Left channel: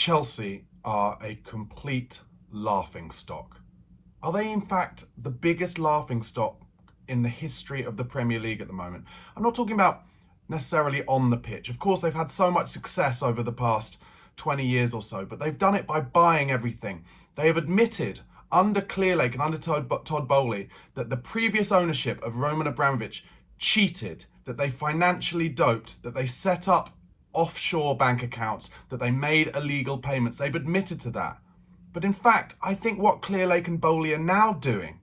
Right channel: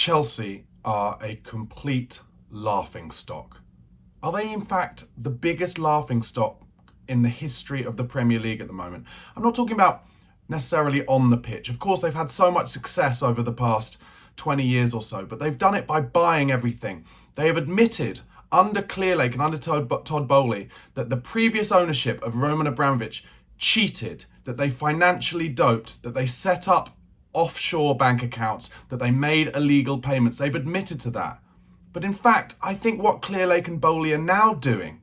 Chelsea are a complete laughingstock. Are they in fact the biggest laughingstock in the history of the Premier League at the moment? I'm not talking about necessarily on the pitch. Of course, they've had so much success over the past 20 years or so, but they've done it by buying everything. They have admitted under Clearlake and under Todd Bowley that the previous ownership of Roman Abramovich cheated, that they financially doped, that they set up offshore bank accounts, that they made illegal payments. They've admitted to that. But in fact, I think what Clearlake and Bowley are now doing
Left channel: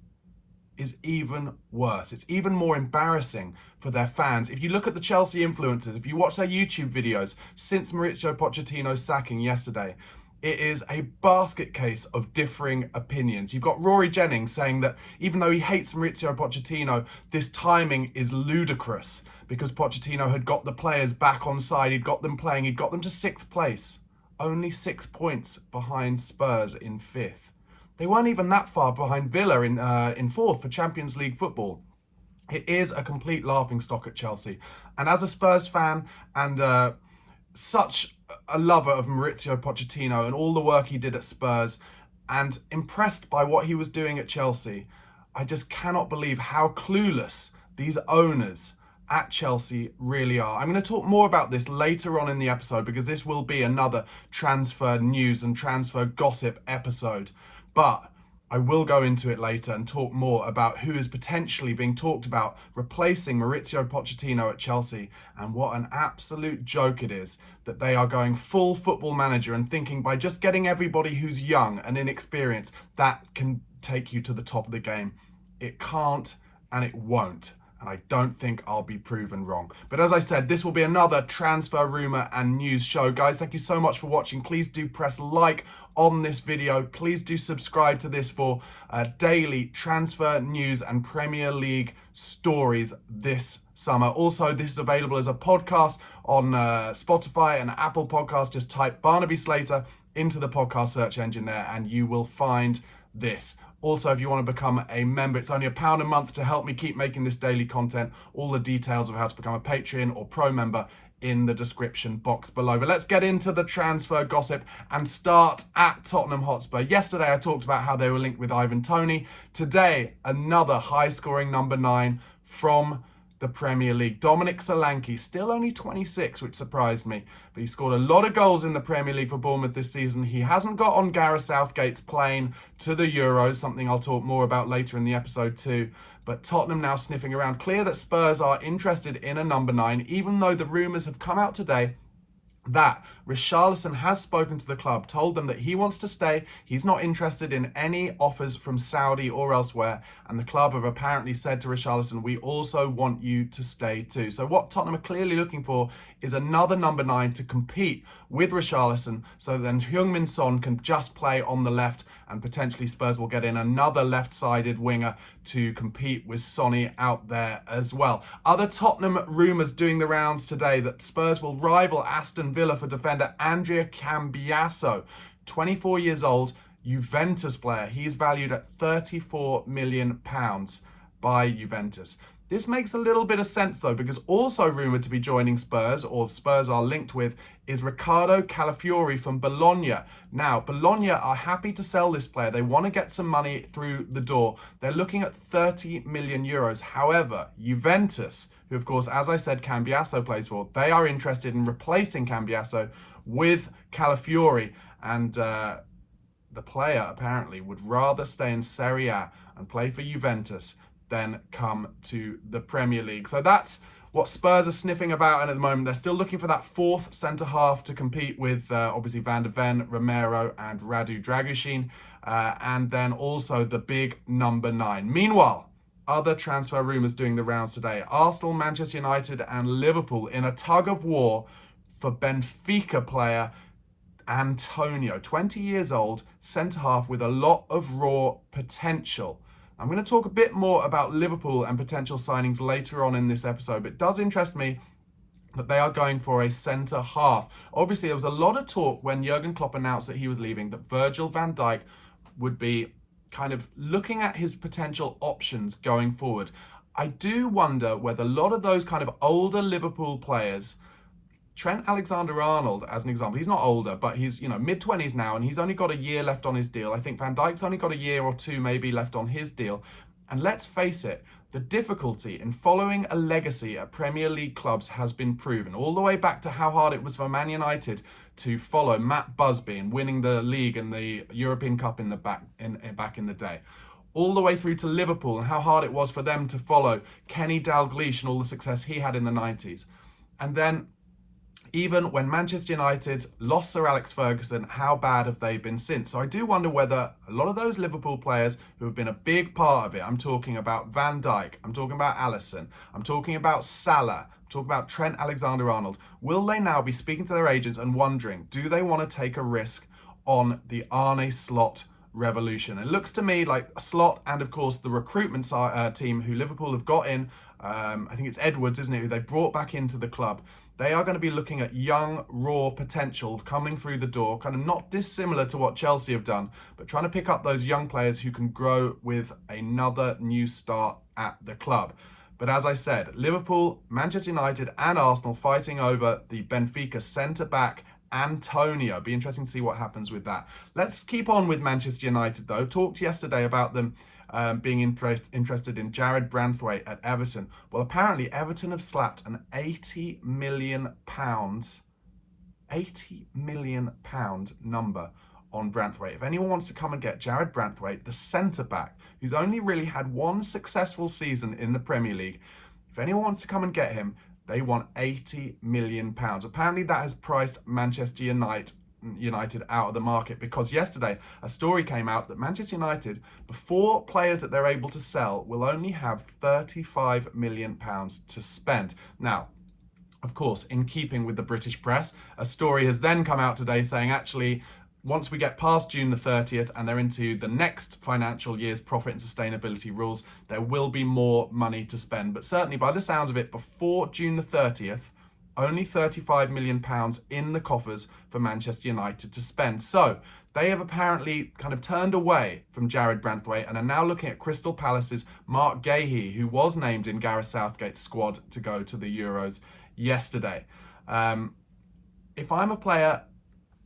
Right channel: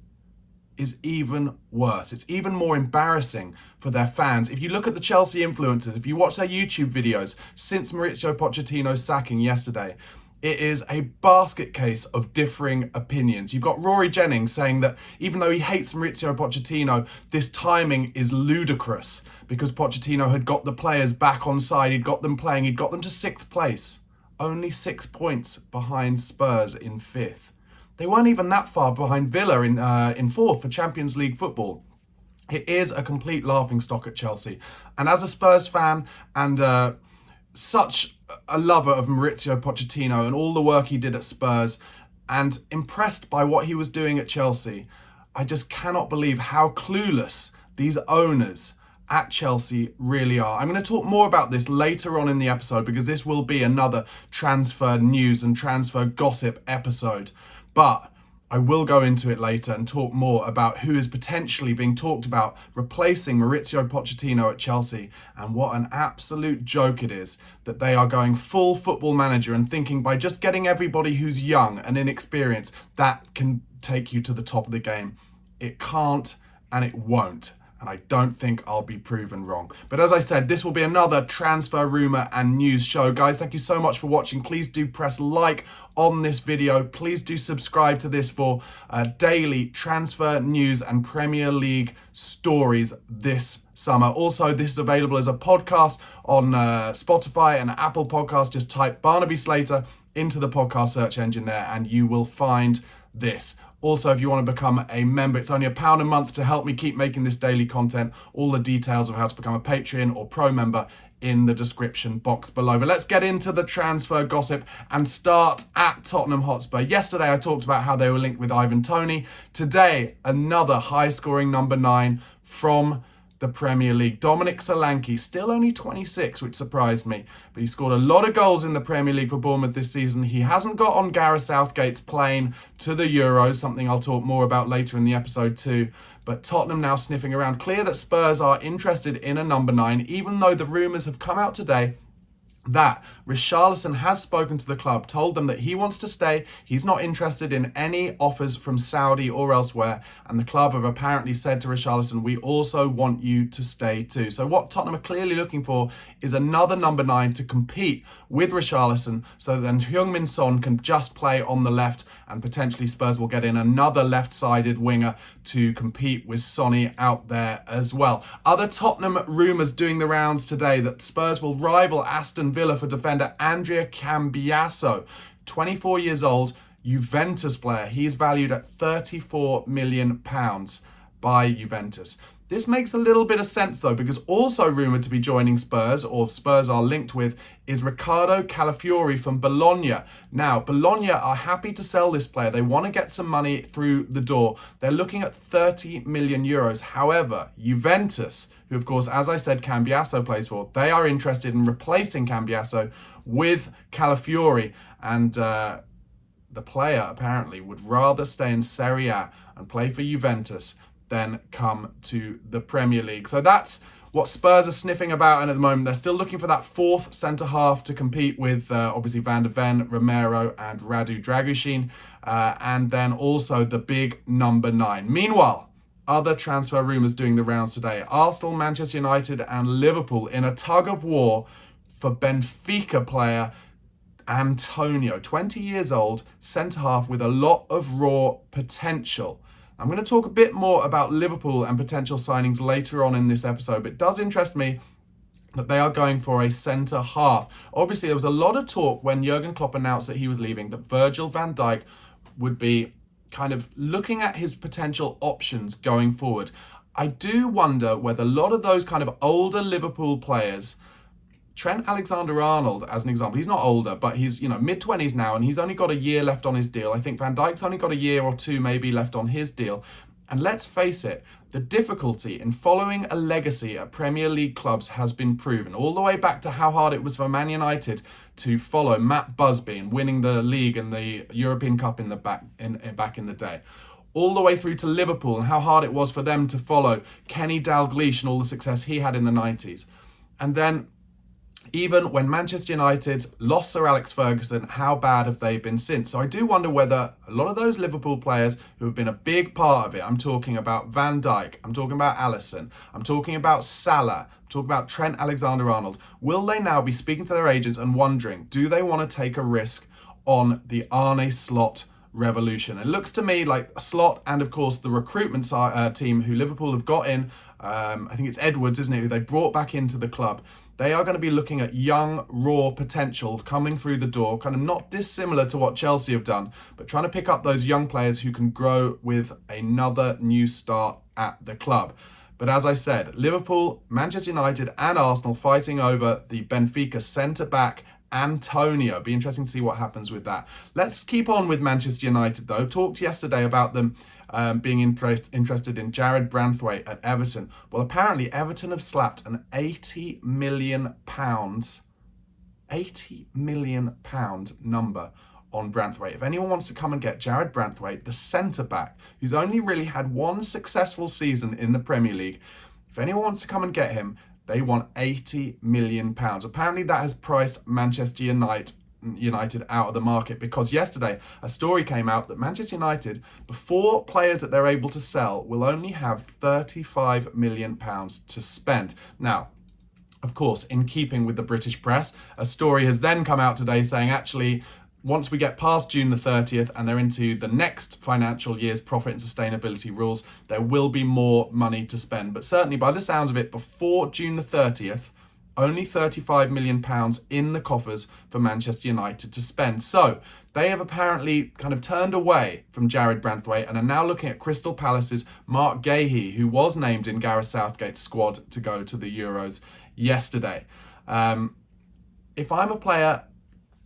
is even worse. It's even more embarrassing for their fans. If you look at the Chelsea influencers, if you watch their YouTube videos since Mauricio Pochettino's sacking yesterday, it is a basket case of differing opinions. You've got Rory Jennings saying that even though he hates Mauricio Pochettino, this timing is ludicrous because Pochettino had got the players back on side, he'd got them playing, he'd got them to 6th place. Only 6 points behind Spurs in 5th. They weren't even that far behind Villa in 4th for Champions League football. It is a complete laughingstock at Chelsea. And as a Spurs fan and such a lover of Mauricio Pochettino and all the work he did at Spurs and impressed by what he was doing at Chelsea, I just cannot believe how clueless these owners at Chelsea really are. I'm going to talk more about this later on in the episode because this will be another transfer news and transfer gossip episode. But I will go into it later and talk more about who is potentially being talked about replacing Mauricio Pochettino at Chelsea and what an absolute joke it is that they are going full football manager and thinking by just getting everybody who's young and inexperienced, that can take you to the top of the game. It can't and it won't. And I don't think I'll be proven wrong. But as I said, this will be another transfer rumour and news show. Guys, thank you so much for watching. Please do press like on this video. Please do subscribe to this for daily transfer news and Premier League stories this summer. Also, this is available as a podcast on Spotify and Apple Podcasts. Just type Barnaby Slater into the podcast search engine there and you will find this. Also, if you want to become a member, it's only £1 a month to help me keep making this daily content. All the details of how to become a Patreon or Pro member in the description box below. But let's get into the transfer gossip and start at Tottenham Hotspur. Yesterday, I talked about how they were linked with Ivan Toney. Today, another high-scoring number 9 from the Premier League. Dominic Solanke, still only 26, which surprised me, but he scored a lot of goals in the Premier League for Bournemouth this season. He hasn't got on Gareth Southgate's plane to the Euros, something I'll talk more about later in the episode too. But Tottenham now sniffing around. Clear that Spurs are interested in a number 9, even though the rumours have come out today that Richarlison has spoken to the club, told them that he wants to stay. He's not interested in any offers from Saudi or elsewhere. And the club have apparently said to Richarlison, we also want you to stay too. So what Tottenham are clearly looking for is another number 9 to compete with Richarlison. So then Heung-min Son can just play on the left and potentially Spurs will get in another left-sided winger to compete with Sonny out there as well. Other Tottenham rumours doing the rounds today that Spurs will rival Aston Villa for defender Andrea Cambiasso, 24 years old, Juventus player. He's valued at £34 million by Juventus. This makes a little bit of sense though, because also rumoured to be joining Spurs, or Spurs are linked with, is Riccardo Calafiori from Bologna. Now, Bologna are happy to sell this player. They want to get some money through the door. They're looking at 30 million euros. However, Juventus, who of course, as I said, Cambiasso plays for, they are interested in replacing Cambiasso with Calafiori. And the player apparently would rather stay in Serie A and play for Juventus then come to the Premier League. So that's what Spurs are sniffing about, and at the moment they're still looking for that 4th centre-half to compete with obviously Van de Ven, Romero and Radu Dragushin, and then also the big number 9. Meanwhile, other transfer rumours doing the rounds today. Arsenal, Manchester United and Liverpool in a tug-of-war for Benfica player Antonio, 20 years old, centre-half with a lot of raw potential. I'm going to talk a bit more about Liverpool and potential signings later on in this episode, but it does interest me that they are going for a centre-half. Obviously, there was a lot of talk when Jurgen Klopp announced that he was leaving that Virgil van Dijk would be kind of looking at his potential options going forward. I do wonder whether a lot of those kind of older Liverpool players Trent Alexander-Arnold, as an example, he's not older, but he's, mid-20s now, and he's only got a year left on his deal. I think Van Dijk's only got a year or two maybe left on his deal. And let's face it, the difficulty in following a legacy at Premier League clubs has been proven, all the way back to how hard it was for Man United to follow Matt Busby and winning the league and the European Cup back in the day. All the way through to Liverpool and how hard it was for them to follow Kenny Dalglish and all the success he had in the 90s. And then even when Manchester United lost Sir Alex Ferguson, how bad have they been since? So I do wonder whether a lot of those Liverpool players who have been a big part of it, I'm talking about Van Dijk, I'm talking about Alisson, I'm talking about Salah, I'm talking about Trent Alexander-Arnold, will they now be speaking to their agents and wondering, do they want to take a risk on the Arne Slot revolution? It looks to me like Slot and, of course, the recruitment team who Liverpool have got in, I think it's Edwards, isn't it, who they brought back into the club. They are going to be looking at young, raw potential coming through the door, kind of not dissimilar to what Chelsea have done, but trying to pick up those young players who can grow with another new start at the club. But as I said, Liverpool, Manchester United and Arsenal fighting over the Benfica centre-back Antonio. Be interesting to see what happens with that. Let's keep on with Manchester United though. Talked yesterday about them being interested in Jared Branthwaite at Everton. Well, apparently Everton have slapped an £80 million number on Branthwaite. If anyone wants to come and get Jared Branthwaite, the centre-back, who's only really had one successful season in the Premier League, if anyone wants to come and get him, they want £80 million. Apparently that has priced Manchester United out of the market, because yesterday a story came out that Manchester United, before players that they're able to sell, will only have £35 million to spend. Now, of course, in keeping with the British press, a story has then come out today saying actually, once we get past June the 30th and they're into the next financial year's profit and sustainability rules, there will be more money to spend. But certainly by the sounds of it, before June the 30th, only £35 million in the coffers for Manchester United to spend. So they have apparently kind of turned away from Jared Branthwaite and are now looking at Crystal Palace's Mark Gahey, who was named in Gareth Southgate's squad to go to the Euros yesterday. If I'm a player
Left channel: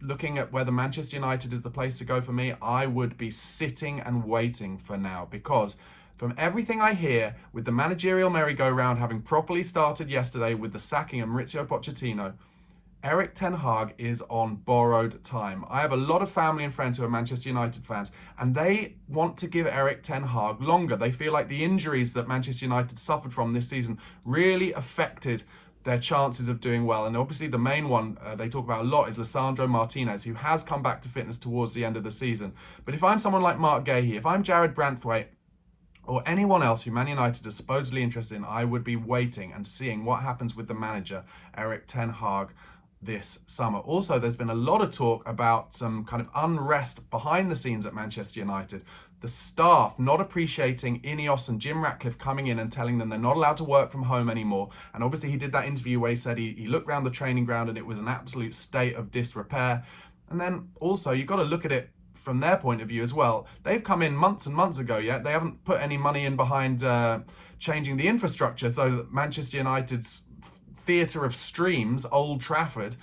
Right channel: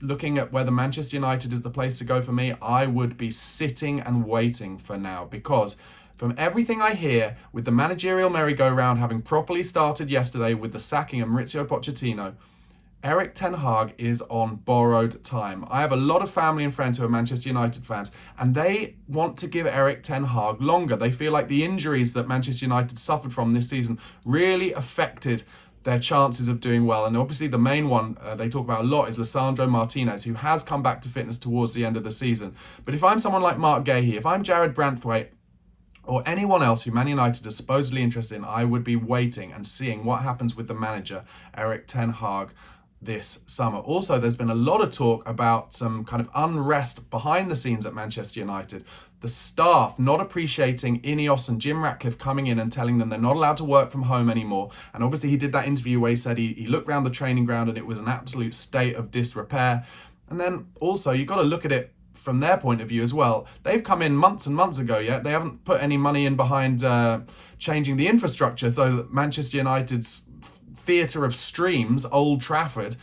looking at whether Manchester United is the place to go for me, I would be sitting and waiting for now, because from everything I hear, with the managerial merry-go-round having properly started yesterday with the sacking of Mauricio Pochettino, Erik ten Hag is on borrowed time. I have a lot of family and friends who are Manchester United fans, and they want to give Erik ten Hag longer. They feel like the injuries that Manchester United suffered from this season really affected their chances of doing well. And obviously the main one they talk about a lot is Lisandro Martinez, who has come back to fitness towards the end of the season. But if I'm someone like Mark Gahey, if I'm Jared Branthwaite, or anyone else who Man United is supposedly interested in, I would be waiting and seeing what happens with the manager, Erik ten Hag, this summer. Also, there's been a lot of talk about some kind of unrest behind the scenes at Manchester United. The staff not appreciating Ineos and Jim Ratcliffe coming in and telling them they're not allowed to work from home anymore. And obviously he did that interview where he said he looked around the training ground and it was an absolute state of disrepair. And then also you've got to look at it from their point of view as well. They've come in months and months ago, yet they haven't put any money in behind changing the infrastructure so that Manchester United's theatre of streams, Old Trafford,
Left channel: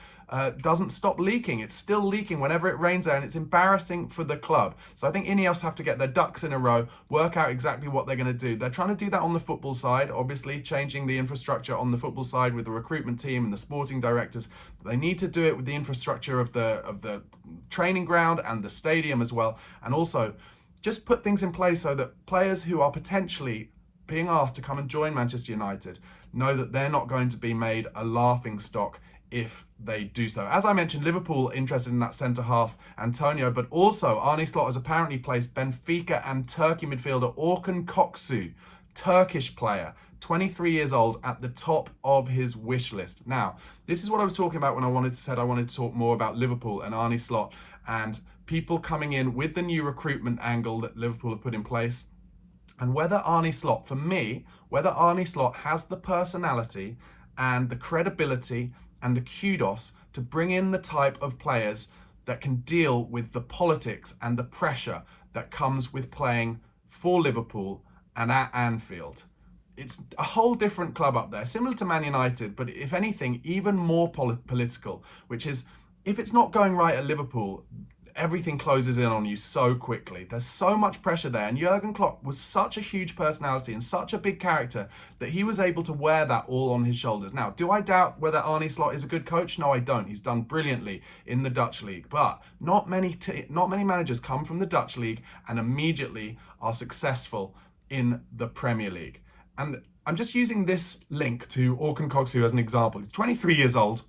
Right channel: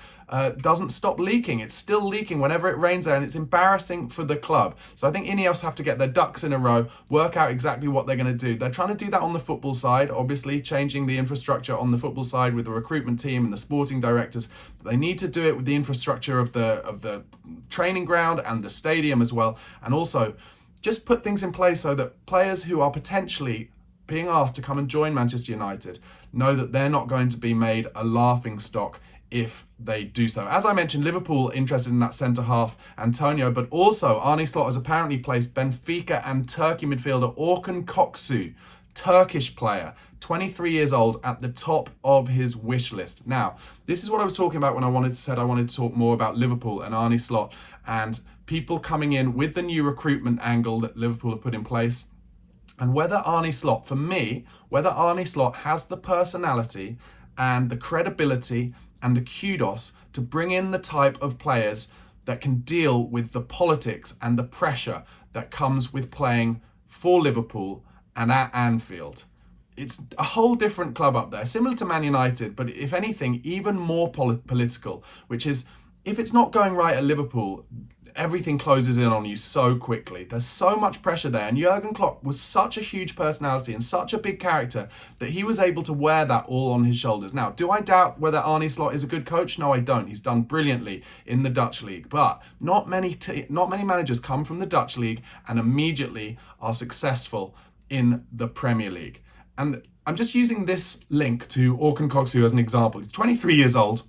doesn't stop leaking. It's still leaking whenever it rains there, and it's embarrassing for the club. So I think Ineos have to get their ducks in a row, work out exactly what they're going to do. They're trying to do that on the football side, obviously changing the infrastructure on the football side with the recruitment team and the sporting directors. But they need to do it with the infrastructure of the training ground and the stadium as well, and also just put things in place so that players who are potentially being asked to come and join Manchester United know that they're not going to be made a laughing stock if they do so. As I mentioned, Liverpool interested in that centre-half Antonio, but also Arne Slot has apparently placed Benfica and Turkey midfielder Orkun Koksu, Turkish player, 23 years old, at the top of his wish list. Now, this is what I was talking about when I wanted to talk more about Liverpool and Arne Slot and people coming in with the new recruitment angle that Liverpool have put in place. And whether Arne Slot, for me, whether Arne Slot has the personality and the credibility and the kudos to bring in the type of players that can deal with the politics and the pressure that comes with playing for Liverpool and at Anfield. it's a whole different club up there, similar to Man United, but if anything, even more political, which is, if it's not going right at Liverpool, everything closes in on you so quickly. There's so much pressure there. And Jurgen Klopp was such a huge personality and such a big character that he was able to wear that all on his shoulders. Now, do I doubt whether Arne Slot is a good coach? No, I don't. He's done brilliantly in the Dutch league. But not many managers come from the Dutch league and immediately are successful in the Premier League. And I'm just using this link to Orkun Koksu as an example. He's 23 years old.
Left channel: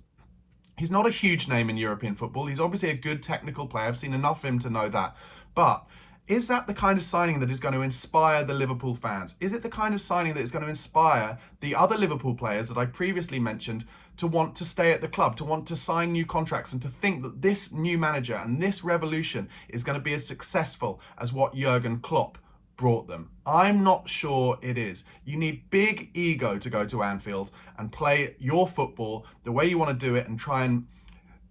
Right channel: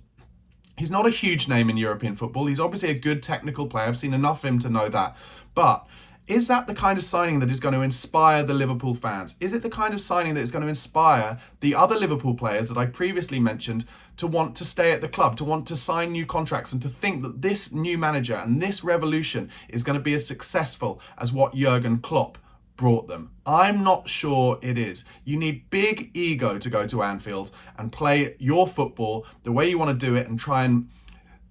He's not a huge name in European football. He's obviously a good technical player. I've seen enough of him to know that. But is that the kind of signing that is going to inspire the Liverpool fans? Is it the kind of signing that is going to inspire the other Liverpool players that I previously mentioned to want to stay at the club, to want to sign new contracts, and to think that this new manager and this revolution is going to be as successful as what Jurgen Klopp brought them? I'm not sure it is. You need big ego to go to Anfield and play your football the way you want to do it and try and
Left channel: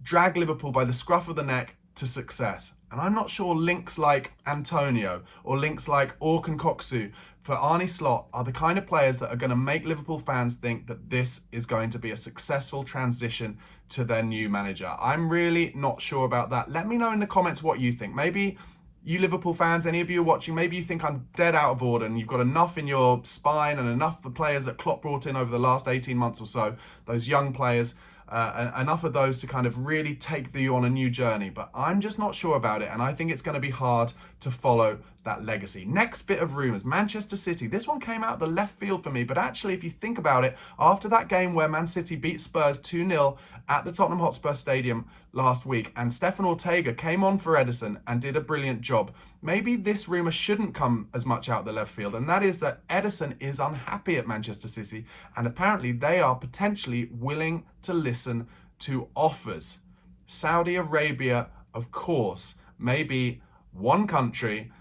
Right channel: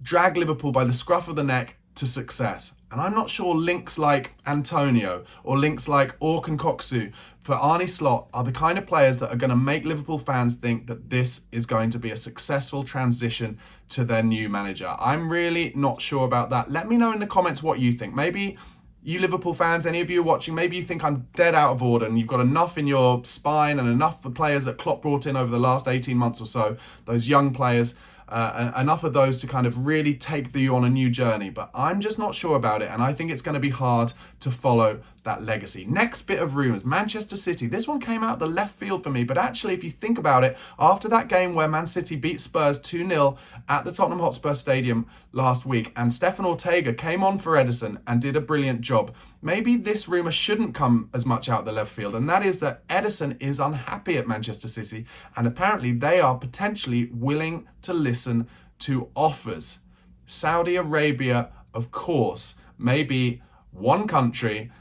drag Liverpool by the scruff of the neck to success. And I'm not sure links like Antonio or links like Orkun Koksu for Arne Slot are the kind of players that are going to make Liverpool fans think that this is going to be a successful transition to their new manager. I'm really not sure about that. Let me know in the comments what you think. Maybe you Liverpool fans, any of you watching, maybe you think I'm dead out of order and you've got enough in your spine and enough of the players that Klopp brought in over the last 18 months or so, those young players, enough of those to kind of really take you on a new journey. But I'm just not sure about it, and I think it's going to be hard to follow that legacy. Next bit of rumours, Manchester City. This one came out the left field for me, but actually, if you think about it, after that game where Man City beat Spurs 2-0 at the Tottenham Hotspur Stadium last week, and Stefan Ortega came on for Ederson and did a brilliant job, maybe this rumour shouldn't come as much out the left field, and that is that Ederson is unhappy at Manchester City, and apparently they are potentially willing to listen to offers. Saudi Arabia, of course, maybe one country,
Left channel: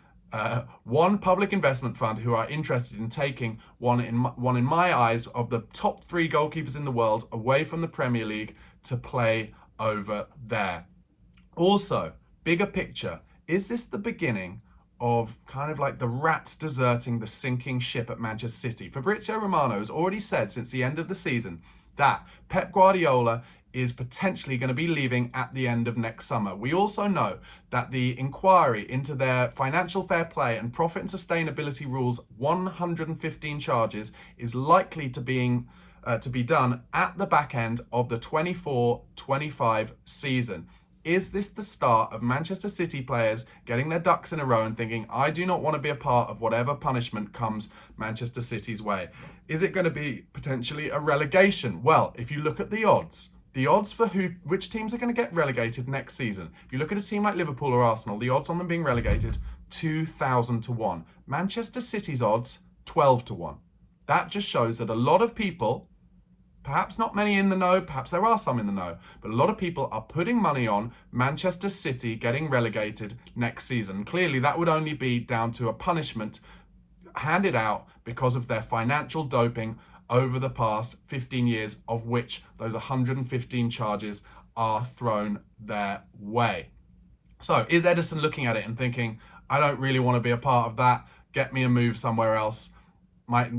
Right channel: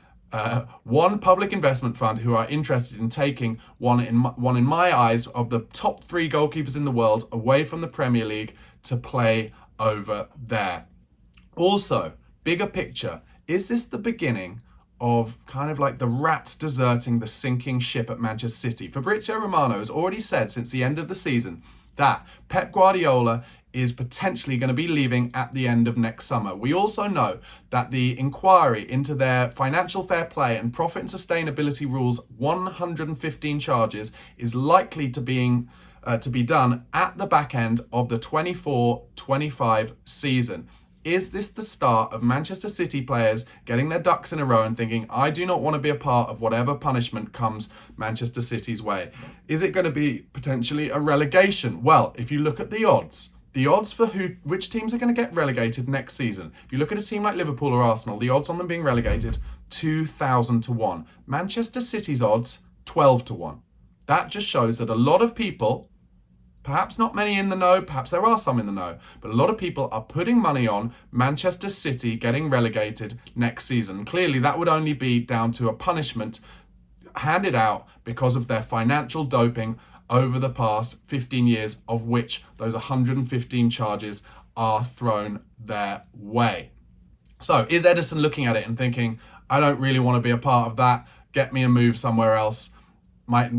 one public investment fund who are interested in taking one in my eyes of the top 3 goalkeepers in the world away from the Premier League to play over there. Also, bigger picture, is this the beginning of kind of like the rats deserting the sinking ship at Manchester City? Fabrizio Romano has already said since the end of the season that Pep Guardiola is potentially going to be leaving at the end of next summer. We also know that the inquiry into their financial fair play and profit and sustainability rules 115 charges is likely to be done at the back end of the 24-25 season. Is this the start of Manchester City players getting their ducks in a row and thinking, I do not want to be a part of whatever punishment comes Manchester City's way? Is it going to be potentially a relegation? Well, if you look at the odds for which teams are going to get relegated next season. If you look at a team like Liverpool or Arsenal, the odds on them being relegated, 2,000 to 1. Manchester City's odds, 12 to 1. That just shows that a lot of people, perhaps not many in the know, perhaps there are some in the know, but a lot of people are putting money on Manchester City getting relegated next season. Clearly, that would only be down to a punishment handed out because of their financial doping over the past 15 years, of which those 115 charges are thrown their way. So is Ederson looking at it and thinking, I don't really want to be a part of that, get me a move somewhere else?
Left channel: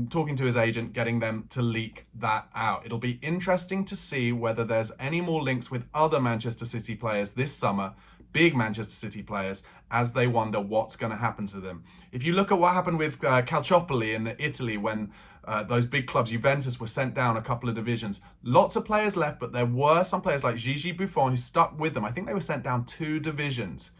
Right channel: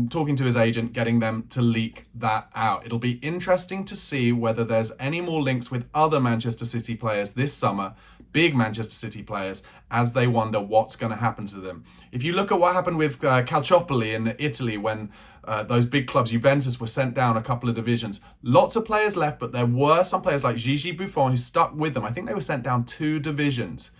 Talking to his agent, getting them to leak that out. It'll be interesting to see whether there's any more links with other Manchester City players this summer, big Manchester City players, as they wonder what's going to happen to them. If you look at what happened with Calciopoli in Italy when those big clubs, Juventus, were sent down a couple of divisions, lots of players left, but there were some players like Gigi Buffon who stuck with them. I think they were sent down 2 divisions.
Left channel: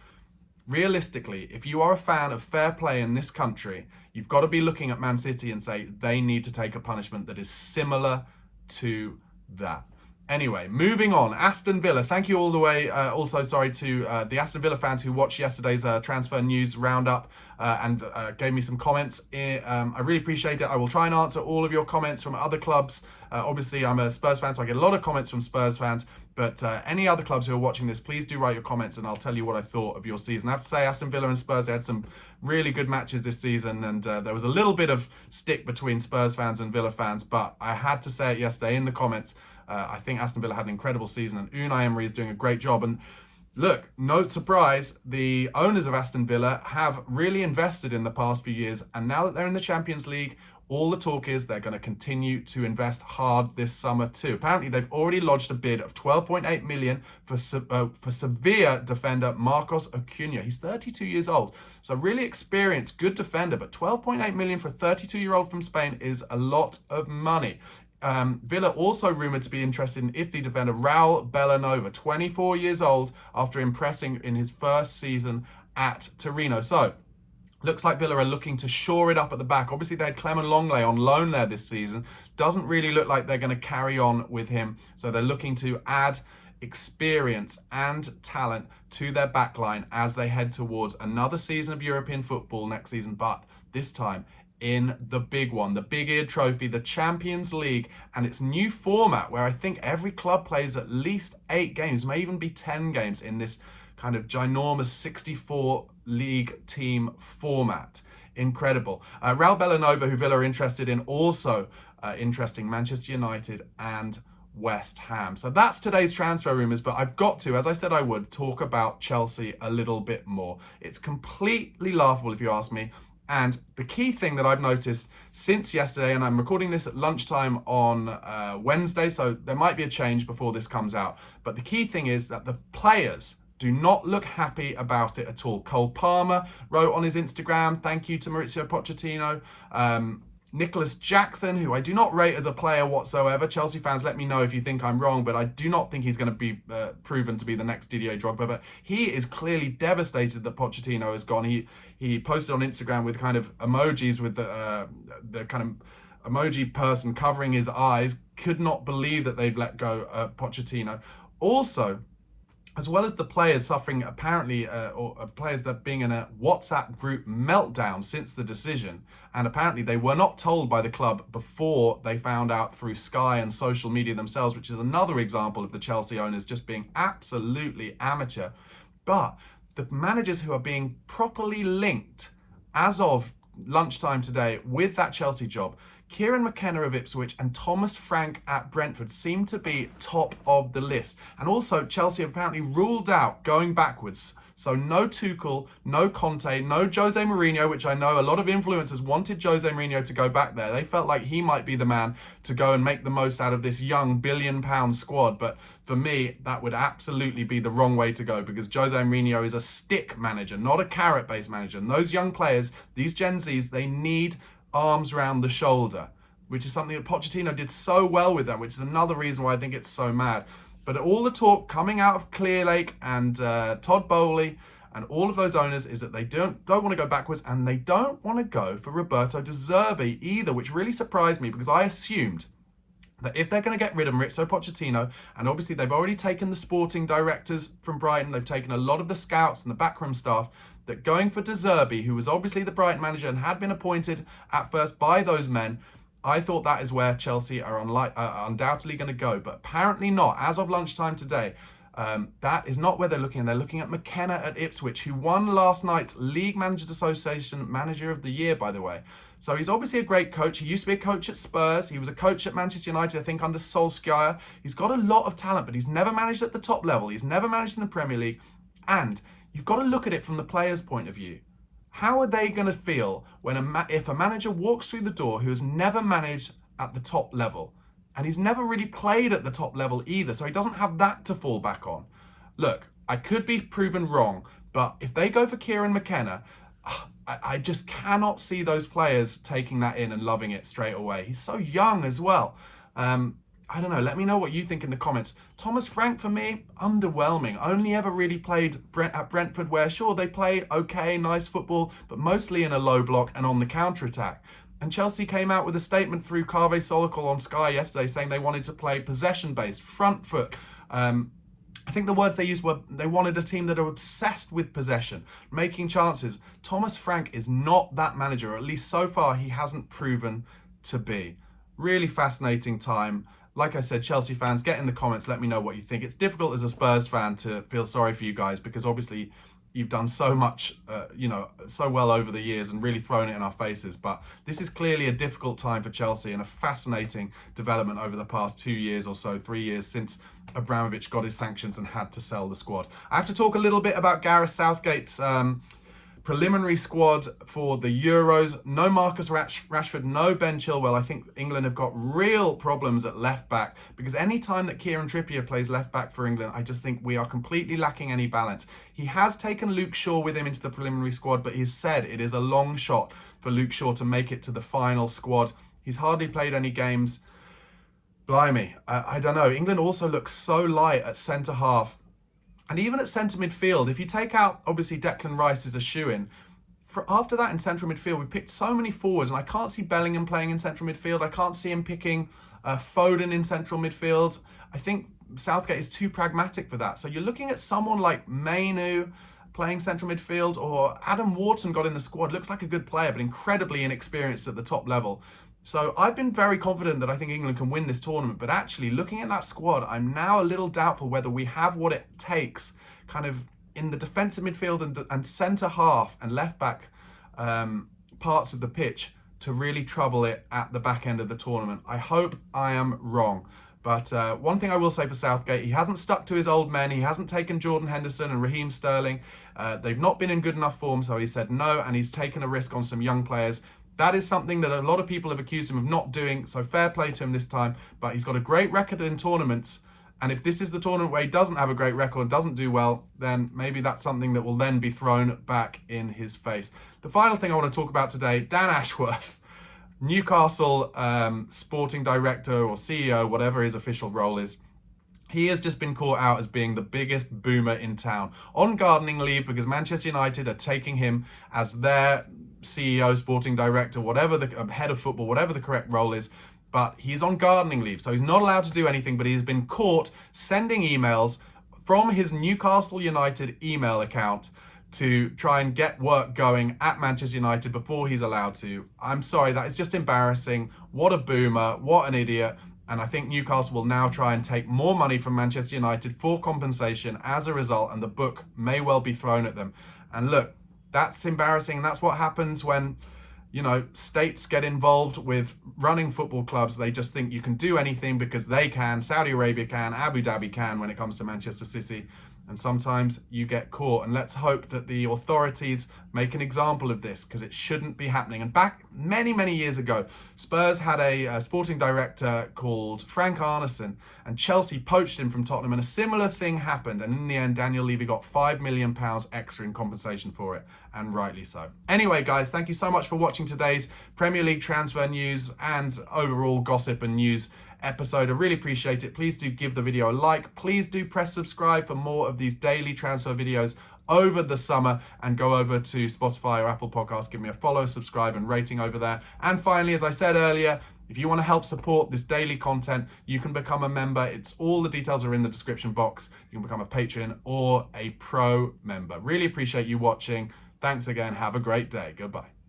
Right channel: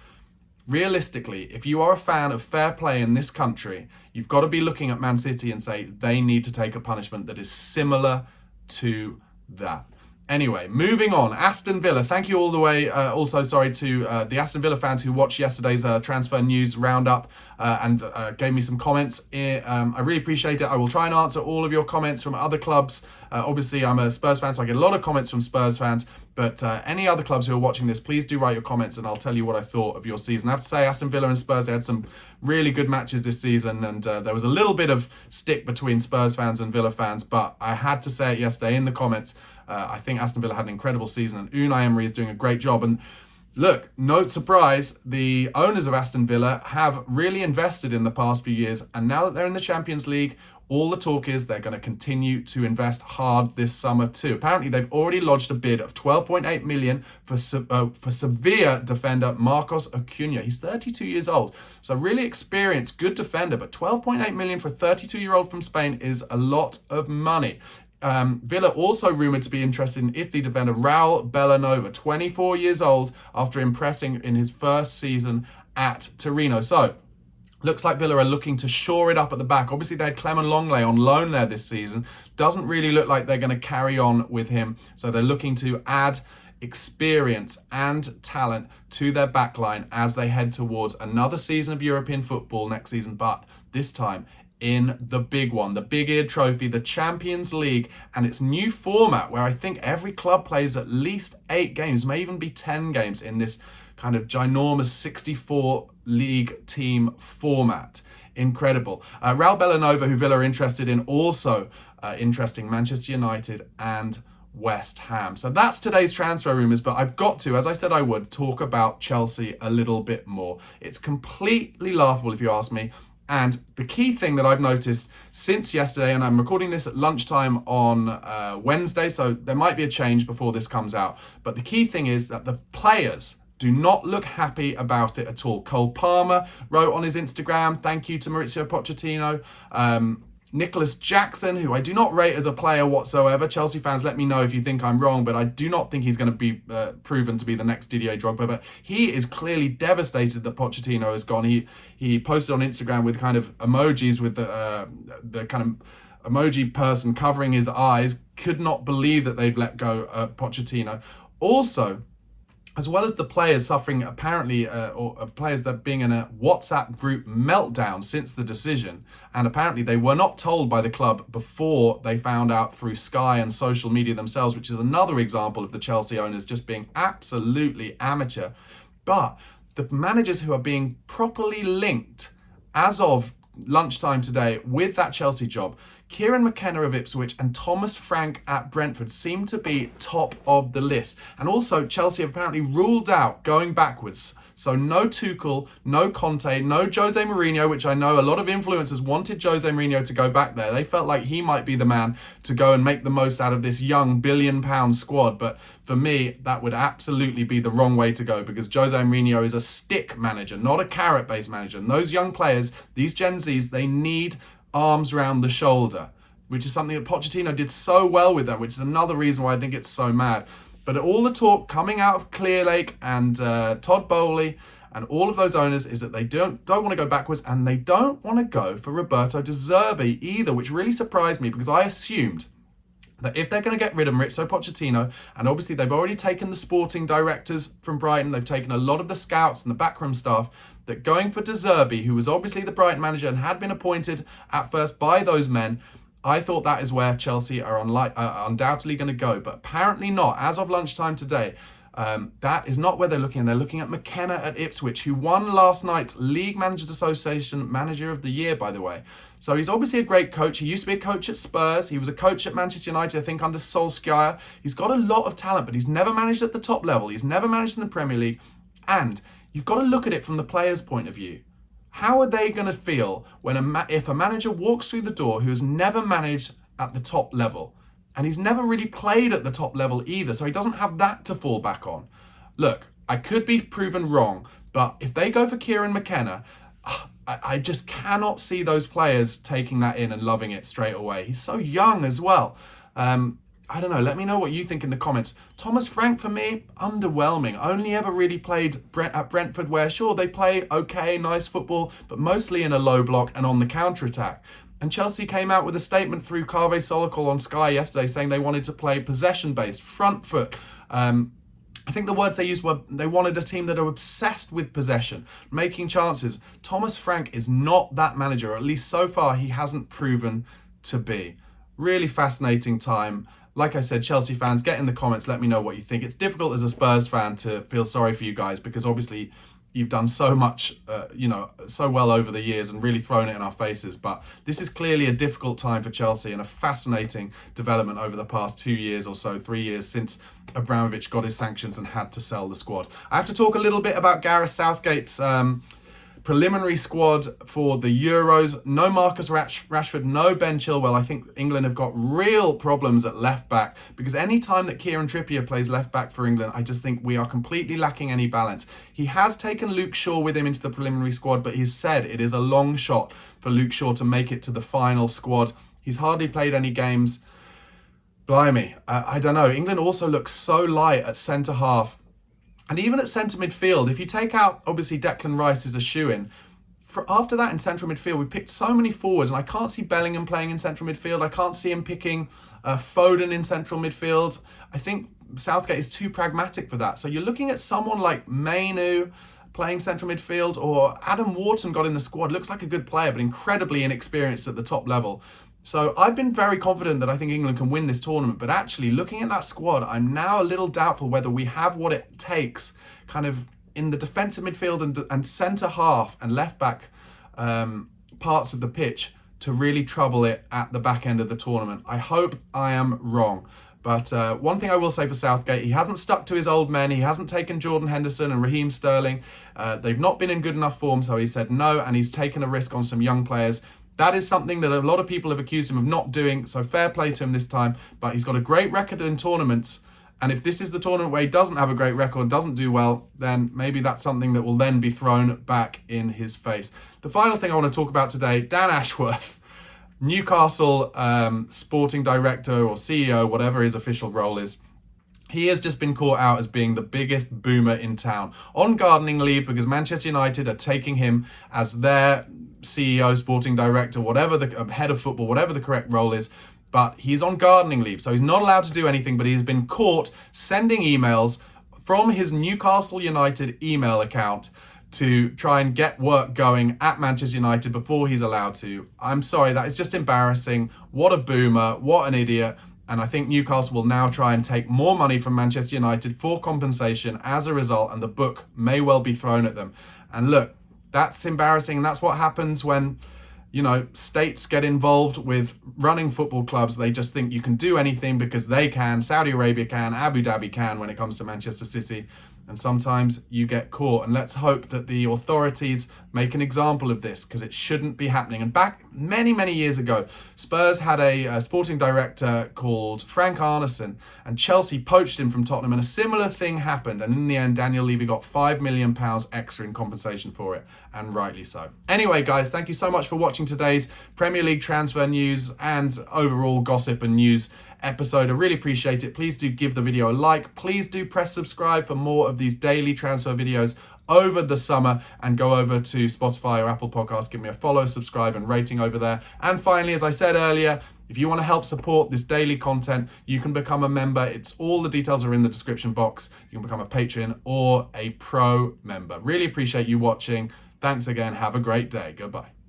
Realistically, if you are a fan of fair play in this country, you've got to be looking at Man City and say they need to take a punishment that is similar to that. Anyway, moving on. Aston Villa. Thank you all the way. Also, sorry to the Aston Villa fans who watched yesterday's transfer news roundup and gave me some comments. I really appreciate it. I will try and answer all of your comments from other clubs. Obviously, I'm a Spurs fan, so I get a lot of comments from Spurs fans. But any other clubs who are watching this, please do write your comments and I'll tell you what I thought of your season. I have to say, Aston Villa and Spurs, they had some really good matches this season, and there was a little bit of stick between Spurs fans and Villa fans, but I had to say it yesterday in the comments. I think Aston Villa had an incredible season, and Unai Emery is doing a great job. And look, no surprise, the owners of Aston Villa have really invested in the past few years, and now that they're in the Champions League, all the talk is they're going to continue to invest hard this summer too. Apparently, they've already lodged a bid of 12.8 million for Sevilla defender Marcos Acuna. He's 32 years old, so really experienced, good defender, but 12.8 million for a 32-year-old from Spain is a lot of money. Villa also rumoured to be interested in Italy defender Raul Bellanova, 24 years old, after impressing in his first season at Torino. So, looks like Villa are looking to shore it up at the back. Obviously, they had Clement Longley on loan there this season. Doesn't really look like they're going to carry on with him. So they're looking to add experience and talent to their backline as they head towards another season of European football next season, but this time in the big one, the Big Ear Trophy, the Champions League, and its new format where I think every club plays at least 8 games, may even be 10 games in this kind of ginormous 64 league team format. Incredible. Raul Bellanova, who Villa are interested in, also interesting Manchester United and West Ham. So that's today's transfer rumours, but I've got to, as I said I would, talk about Chelsea a little bit more. It's completely laughable if you ask me. And the key thing that I've noticed since yesterday, and I'm recording this at lunchtime on Wednesday, so there might be a change before this comes out, but the key thing is that the players do not look happy about it at all. Cole Palmer wrote on his Instagram, thank you to Mauricio Pochettino. Nicholas Jackson, who I do not rate as a player whatsoever. Chelsea fans, let me know if you think I'm wrong, but I do not think he's going to be proven to be the next Didier Drogba. But he is clearly devastated that Pochettino has gone. He posted on Instagram with kind of emojis with the kind of emoji person covering his eyes. Could not believe that they'd let go Pochettino. Also, as well as the players suffering apparently, or players that being in a WhatsApp group meltdown since the decision, and apparently they were not told by the club before they found out through Sky and social media themselves, which is another example of the Chelsea owners just being absolutely amateur. But the managers who are being properly linked as of lunchtime today with that Chelsea job, Kieran McKenna of Ipswich and Thomas Frank at Brentford seem to be top of the list. And also, Chelsea have apparently ruled out going backwards. So no Tuchel, no Conte, no Jose Mourinho, which I know a lot of influencers wanted Jose Mourinho to go back there. They felt like he might be the man to go and make the most out of this young billion-pound squad. But for me, that would absolutely be the wrong way to go, because Jose Mourinho is a stick manager, not a carrot-based manager. And those young players, these Gen Zs, they need arms round the shoulder, which is something that Pochettino did so well with that, which is another reason why I think it's so mad. But all the talk coming out of Clearlake and Todd Bowley and all of those owners is that they don't want to go backwards, and they don't want to go for Roberto De Zerbi either, which really surprised me, because I assumed that if they're going to get rid of Mauricio Pochettino, and obviously they've already taken the sporting directors from Brighton, they've taken a lot of the scouts and the backroom staff, that going for De Zerbi, who was obviously the Brighton manager and had been appointed at first by those men, I thought that is where Chelsea are undoubtedly going to go. But apparently not. As of lunchtime today, that is not where they're looking. They're looking at McKenna at Ipswich, who won last night's League Managers Association Manager of the Year, by the way. So he's obviously a great coach. He used to be a coach at Spurs. He was a coach at Manchester United, I think, under Solskjaer. He's got a lot of talent, but he's never managed at the top level. He's never managed in the Premier League. And you've got to look at it from the player's point of view. How are they going to feel when if a manager walks through the door who has never managed at the top level? And he's never really played at the top level either, so he doesn't have that to fall back on. Look, I could be proven wrong, but if they go for Kieran McKenna, I just cannot see those players taking that in and loving it straight away. He's so young as well. I don't know. Let me know what you think in the comments. Thomas Frank, for me, underwhelming. Only ever really played at Brentford, where, sure, they play okay, nice football, but mostly in a low block and on the counter-attack. And Chelsea came out with a statement through Kave Solokol on Sky yesterday saying they wanted to play possession-based, front foot. I think the words they used were they wanted a team that are obsessed with possession, making chances. Thomas Frank is not that manager, or at least so far he hasn't proven to be. Really fascinating time. Like I said, Chelsea fans, get in the comments, let me know what you think. It's difficult as a Spurs fan to feel sorry for you guys, because obviously you've done so much, so well over the years and really thrown it in our faces. But this is clearly a difficult time for Chelsea and a fascinating development over the past 2 years or so, 3 years since Abramovich got his sanctions and had to sell the squad. I have to talk a little bit about Gareth Southgate's preliminary squad for the Euros. No Marcus Rashford, no Ben Chilwell. I think England have got real problems at left back, because any time that Kieran Trippier plays left back for England, I just think we are completely lacking any balance. He has taken Luke Shaw with him into the preliminary squad, but he's said it is a long shot for Luke Shaw to make it to the final squad. He's hardly played any games. Blimey, I don't know. England also looks so light at centre half. And even at centre midfield, if you take out, obviously, Declan Rice is a shoo-in. After that, in central midfield, we picked so many forwards, and I can't see Bellingham playing in central midfield. I can't see him picking Foden in central midfield. I think Southgate is too pragmatic for that. So you're looking at someone like Mainu playing central midfield, or Adam Wharton got in the squad. Looks like a good player, but incredibly inexperienced at the top level. So I've been very confident that I think England can win this tournament, but actually looking at that squad, I'm now a little doubtful whether we have what it takes kind of in the defensive midfield and centre half and left back parts of the pitch to really trouble it at the back end of the tournament. I hope I am wrong. But one thing I will say for Southgate, he hasn't stuck to his old men. He hasn't taken Jordan Henderson and Raheem Sterling. They've not been in good enough form, so he said no, and he's taken a risk on some young players. That is something that a lot of people have accused him of not doing, so fair play to him this time. But he's got a great record in tournaments, and if this is the tournament where he doesn't have a great record, doesn't do well, then maybe that's something that will then be thrown back in his face. The final thing I want to talk about today, Dan Ashworth, Newcastle sporting director or CEO, whatever his official role is. He has just been caught out as being the biggest boomer in town, on gardening leave, because Manchester United are taking him as their CEO, sporting director, whatever the head of football, whatever the correct role is. But he's on gardening leave, so he's not allowed to do anything, but he's been caught sending emails from his Newcastle United email account to try and get work going at Manchester United before he's allowed to. I'm sorry, that is just embarrassing. What a boomer, what an idiot. And I think Newcastle will now try and take more money from Manchester United for compensation as a result, and the book may well be thrown at them. And look, that's embarrassing, and that's what happens when, you know, states get involved with running football clubs. They just think you can do anything because they can. Saudi Arabia can, Abu Dhabi can when it comes to Manchester City. And sometimes you get caught. And let's hope that the authorities make an example of this, because it shouldn't be happening. And back many, many years ago, Spurs had a sporting director called Frank Arneson, and Chelsea poached him from Tottenham, and a similar thing happened. And in the end, Daniel Levy got £5 million extra in compensation for it, and rightly so. Anyway, guys, thank you so much for watching today's Premier League transfer news and overall gossip and news episode. I really appreciate it. Please do give the video a like. Please do press subscribe for more of these daily transfer videos over the summer, and go over to Spotify or Apple Podcasts, give me a follow, subscribe and rating over there. And finally, as I said earlier, if you want to help support this daily content, you can become a member. It's all the details are in the description box. You can become a patron or a pro member. Really appreciate you watching. Thanks again. Have a great day. Goodbye.